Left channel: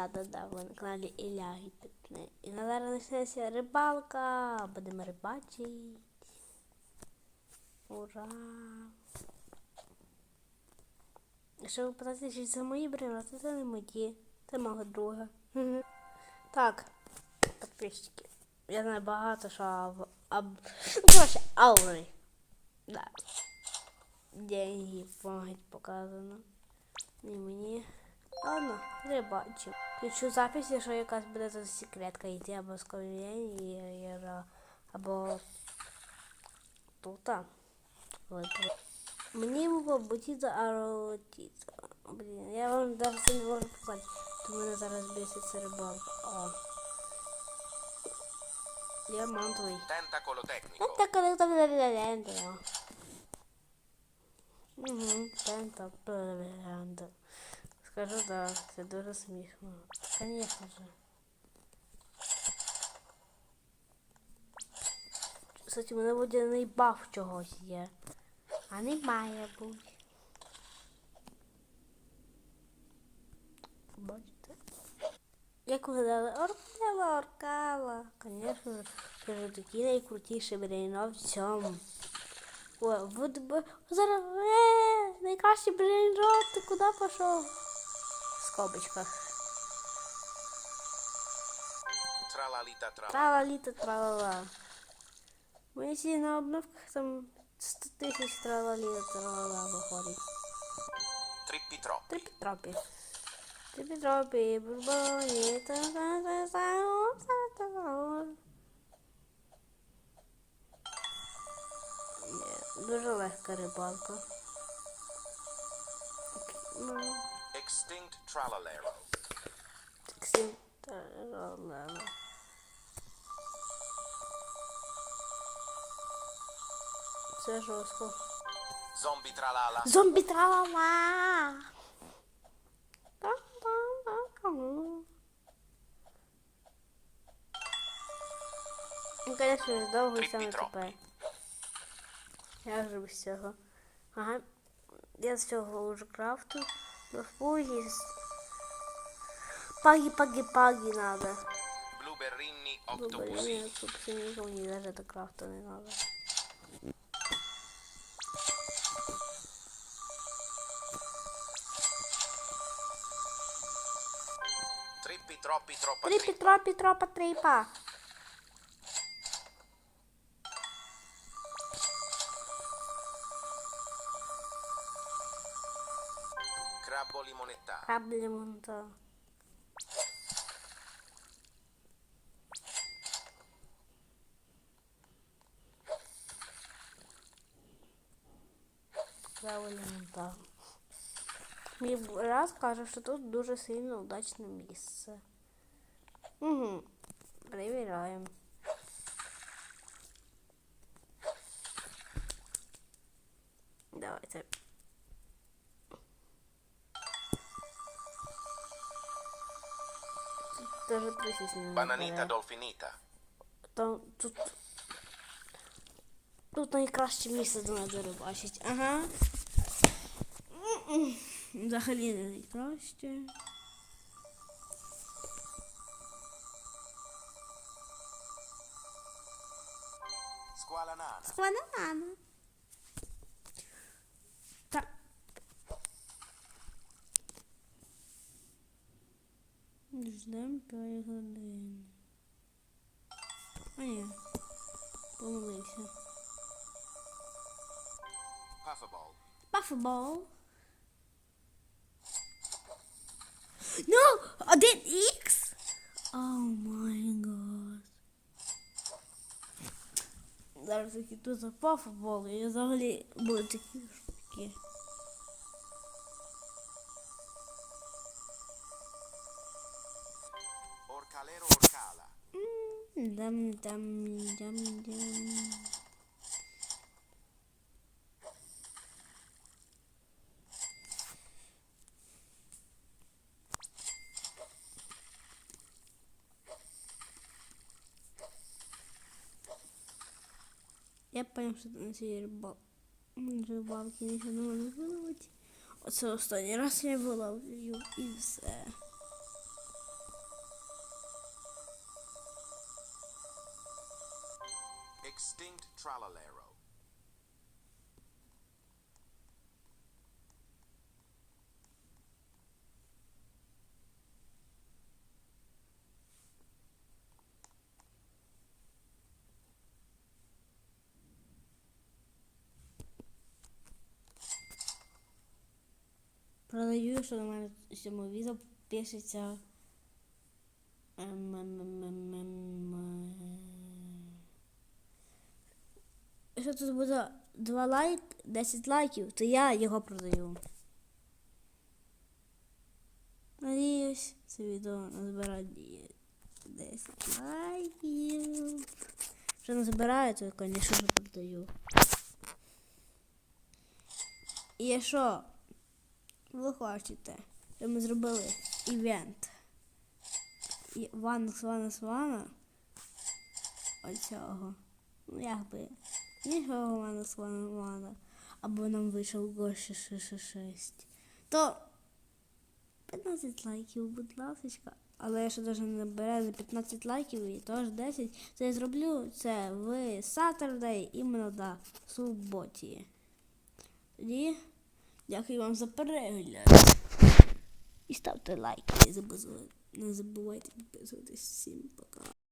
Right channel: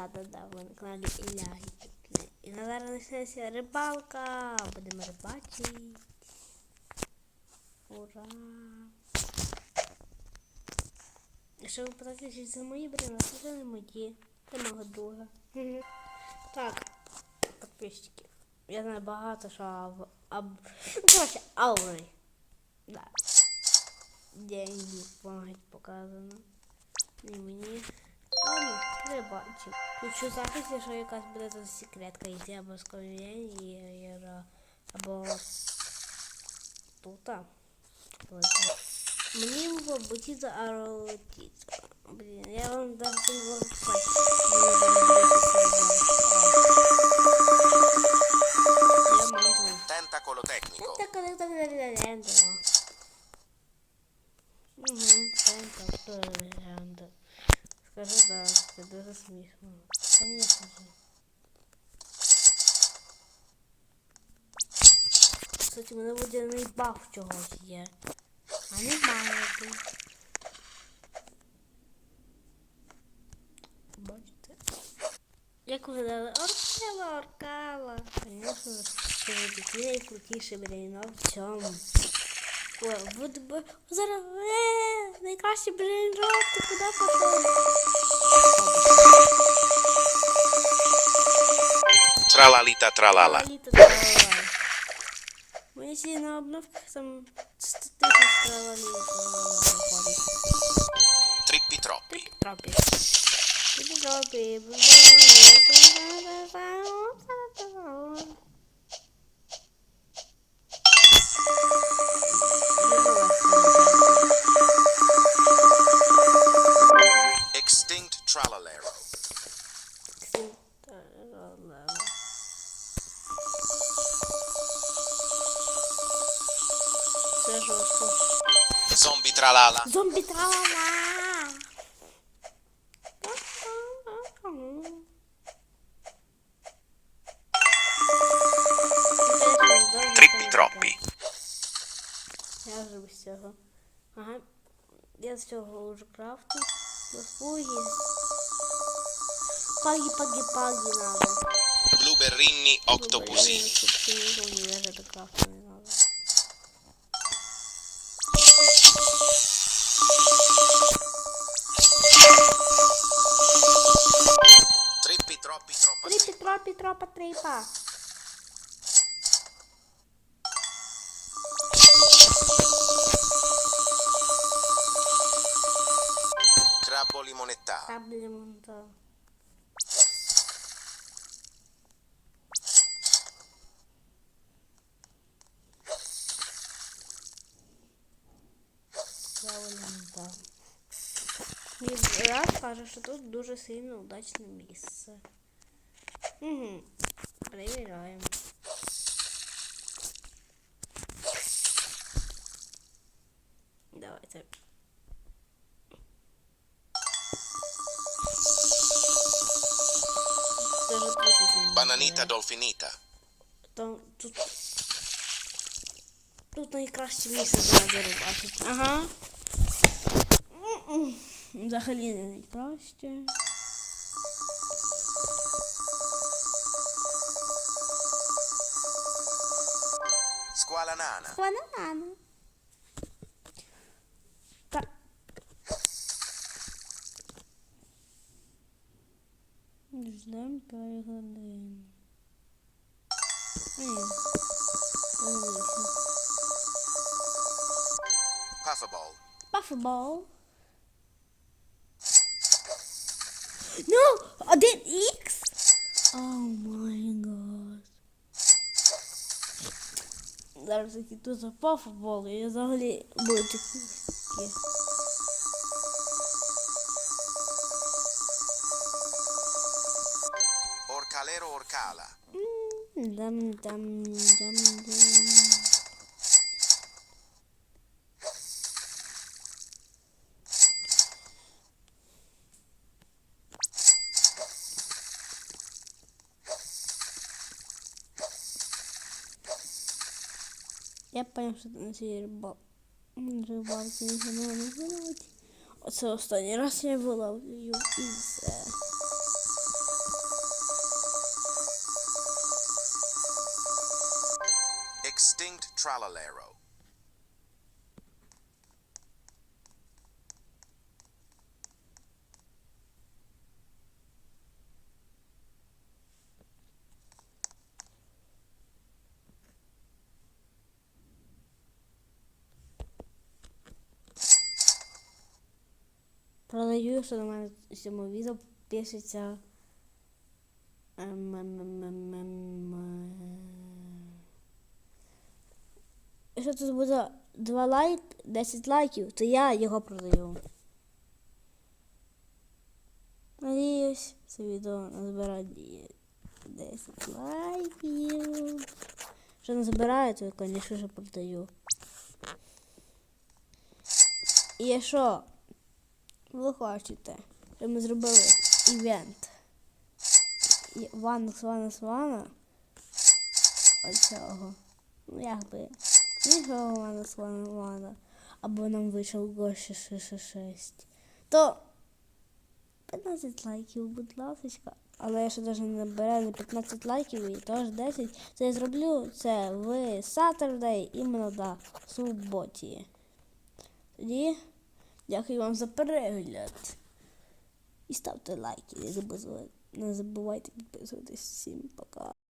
Да-да-да, ви на каналі Ілля Гіпітне. І на зараз почнеться рибалка. Будемо рибачити. Ура! Якщо ви питаєте, чи це мої бревна, то це не мої. Це мого друга. Так, підписчики. Я знаю багато, що об... Ну, коротше, аури. Да. Деньги, помогать показано. Не мені. Ладно, не бачу. Включу запис, якщо якась буде тут секретка йти або з конвієнтера, або тут. Мені мабуть за аротіца. Блін, я вам навіть не можу сказати. Мені зараз десь Я мантую. Tentacolo tecnico. Ну, так, коли там легенда. Угу, тента, хто легенда. Скажу, да, це дуже смішно. Конечно же. Кстати, у мене водяний баф чогось є. А немає тут. Бачите? Як виглядали Оркала, Оркала. Звісно, це найкрутіші брейно в цьому. О, вот б... зараз е, найкращий брейн рот, ти куди пішов? Tralalita tralala. Тралаліта тралала. Ми всі на обновках там 100 тисяч тралаліта тралала виходить. Trippi troppi. Трипі тропі. Трипі тропі. бубоні, та-та-та-та-та-та. Це жорстко. Zombie tralala. Зомбі тралала. Trippi troppi. Я вже без цього. Ага. Я з цього вже крафту. До фуги. Паги, паги, паги надо. Blueberrini octopusini. Щоб синізу не даже до крафту не Трипі, trippa. тропі, тропа, трипа. Crabbo limonettaro. Каблі монта. Правильно монта. Мій брат каже, що тут дуже сильно удачне місце. Угу. Перевіряємо. Давайте. Даже 30 минут. Bananita бере. dolfinita. Там тут. Тут найкраще місце для бачить. Ага. М-м. Взагалі не найкраще. Granaten. Da. Dus dan kan je gewoon erin. Oh ja. Pufferball. Pufferball. No! Oh, I did X! Oh my god. dar-vos aqui tudo para o futebol. Eu adoro-lhe muito aqui. Orcalero Orcala. Hum, dam, dam, dam, dam. Я понял, що на цій рибалці не знову не виловити. Оце останній раз я виловлю і все. Extinct Tralalero. Продаю, що на мене в цьому відео пишеться. ем, ем, ем. Якщо тут буде 2 лайк, 10 лайків, то я його продаю. Надіюсь, це відео назбирає 10 лайків. Якщо не то я, звісно продаю. І якщо ви хочете, щоб ми зробили івент. І Ванна Свана Свана. Оцього. Ну якби. Іншого Ванна Свана Свана. Або нам вийшов Гоші 666. То 15 лайків, будь ласка. Але якщо навіть не набере за 15 лайків і теж 10, то я зроблю це в Saturday іменно да, в суботі. Тоді Дякую вам за перегляд. І ставте забувайте, не забувайте підписуватись. Всім пока.